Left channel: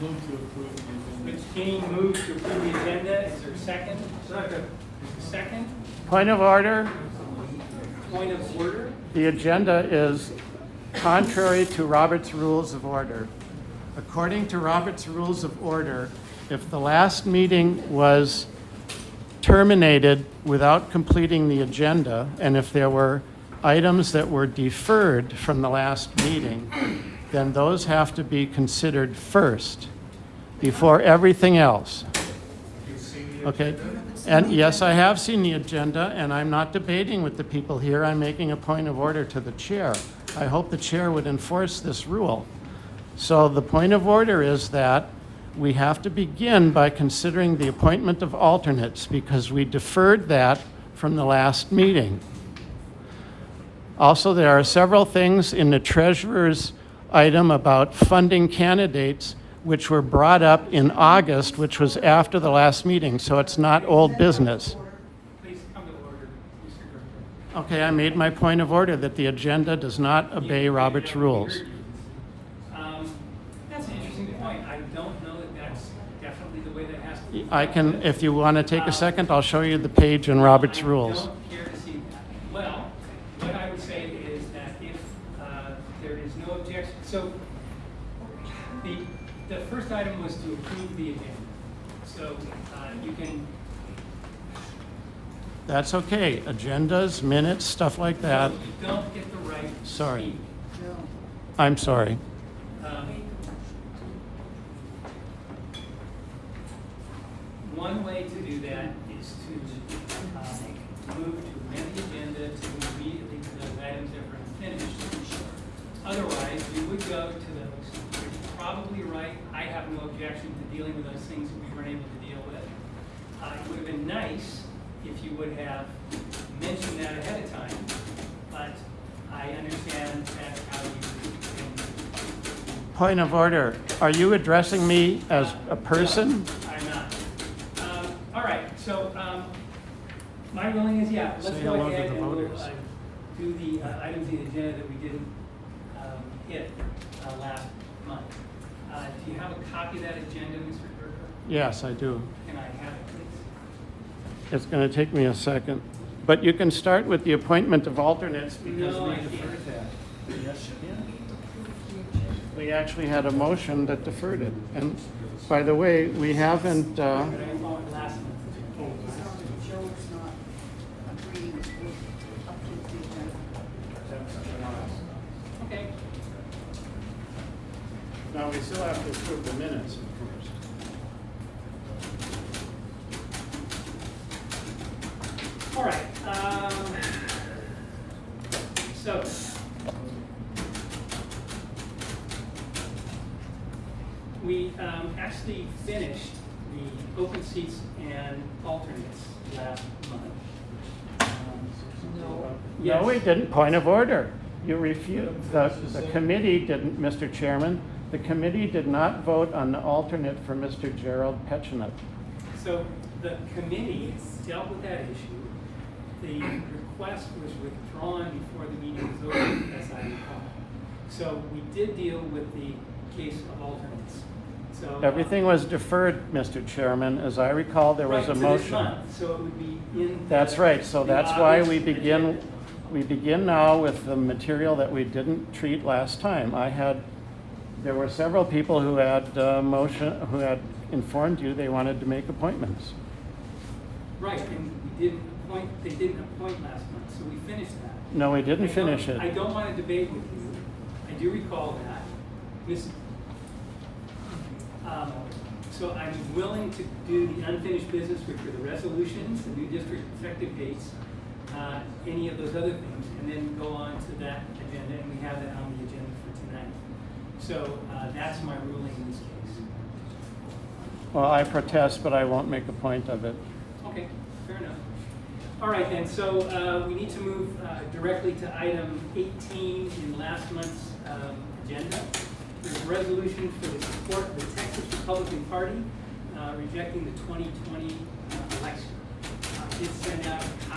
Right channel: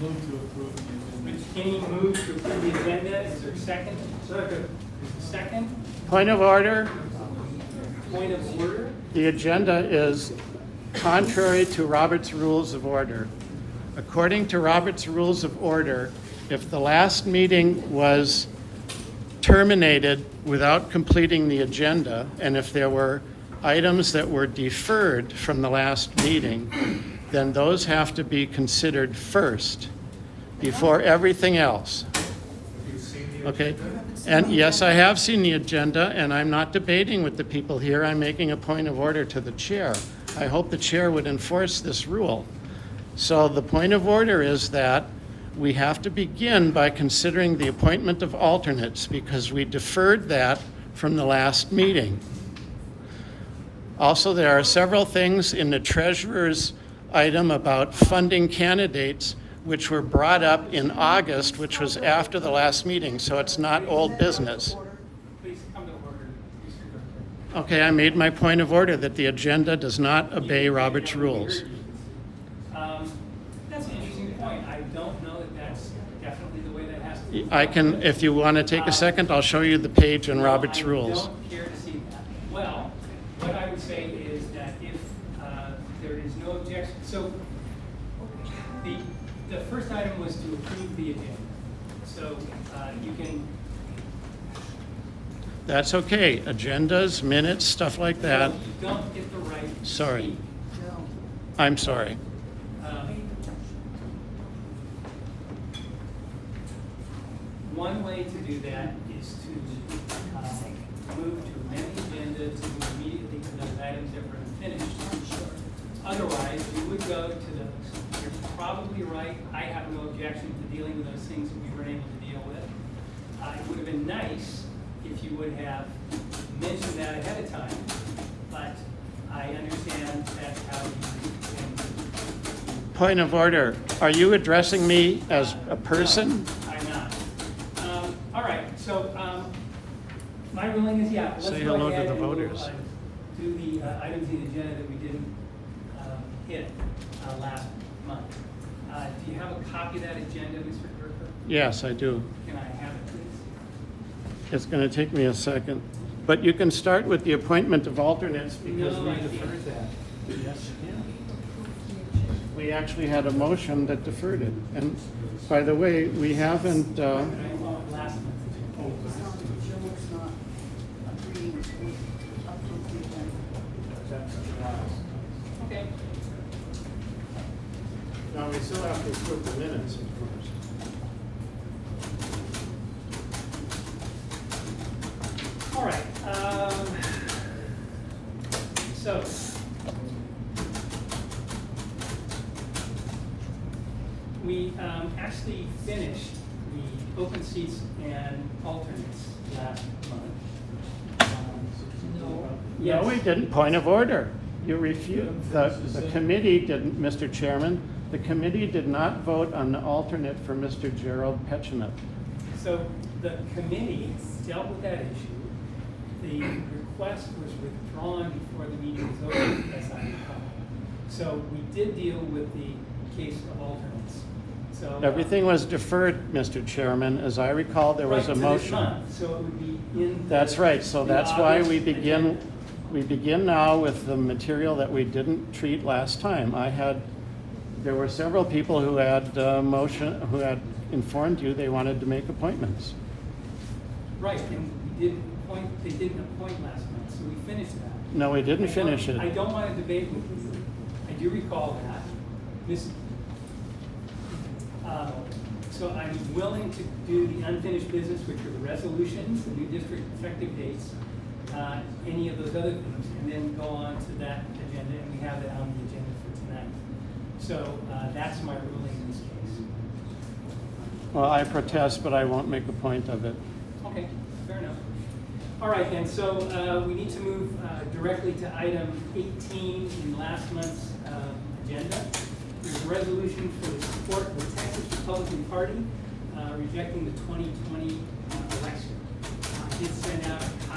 Move to approve the agenda. Rich Kenny moves to approve the agenda. Is there a second? Second. Point of order. Point of order. The agenda is contrary to Robert's Rules of Order. According to Robert's Rules of Order, if the last meeting was terminated without completing the agenda, and if there were items that were deferred from the last meeting, then those have to be considered first before everything else. Okay? And yes, I have seen the agenda, and I'm not debating with the people here. I'm making a point of order to the chair. I hope the chair would enforce this rule. So the point of order is that we have to begin by considering the appointment of alternates because we deferred that from the last meeting. Also, there are several things in the treasurer's item about funding candidates which were brought up in August, which was after the last meeting, so it's not old business. Please come to order, Mr. Director. Okay, I made my point of order that the agenda does not obey Robert's rules. That's an interesting point. I don't know that that's definitely the way that has to be. I can, if you want to take a second, I'll show you the page in Robert's rules. I don't care to see that. Well, what I would say is that if there is no objection, so the first item was to approve the agenda. So you can. That's okay. Agendas, minutes, stuff like that. You don't get the right to Sorry. speak. I'm sorry. One way to do that is to move to amend the agenda to move immediately to those items that were unfinished. Otherwise, you would go to those. You're probably right. I have no objection to dealing with those things that we weren't able to deal with. It would have been nice if you would have mentioned that ahead of time, but I understand that's how you. Point of order. Are you addressing me as a person? No, I'm not. All right, so my ruling is, yeah, let's Say go hello to ahead the and we'll voters. do the items in the agenda that we didn't hit last month. Do you have a copy of that agenda, Mr. Gerber? Yes, I do. Can I have it, please? It's going to take me a second. But you can start with the appointment of alternates because No, we I can't. deferred that. Yes, you can. We actually had a motion that deferred it. And by the way, we haven't, Last month. Joe's not agreeing with the agenda. Okay. now we still have to approve the minutes, of course. All right. So. We actually finished the open seats and alternates last month. No, we didn't. Point of order. You refused, the committee didn't, Mr. Chairman, the committee did not vote on the alternate for Mr. Gerald Petchinut. So the committee dealt with that issue. The request was withdrawn before the meeting was over, as I recall. So we did deal with the case of alternates. So Everything was deferred, Mr. Chairman. As I recall, there was right a to this motion. month, so it would be in. That's right, so the that's why August we agenda. begin now with the material that we didn't treat last time. There were several people who had who had informed you they wanted to make appointments. Right, and they didn't appoint last month, so we finished that. No, we didn't finish I it. don't want to debate with you. I do recall that. So I'm willing to do the unfinished business, which are the resolutions, the new district effective dates, any of those other things, and then go on to that agenda, and we have that on the agenda for tonight. So that's my ruling in this case. Well, I protest, but I won't make a point of it. Okay, fair enough. All right then, so we need to move directly to item 18 in last month's agenda. There's a resolution for the support of the Texas Republican Party rejecting the 2020 election. It's sent out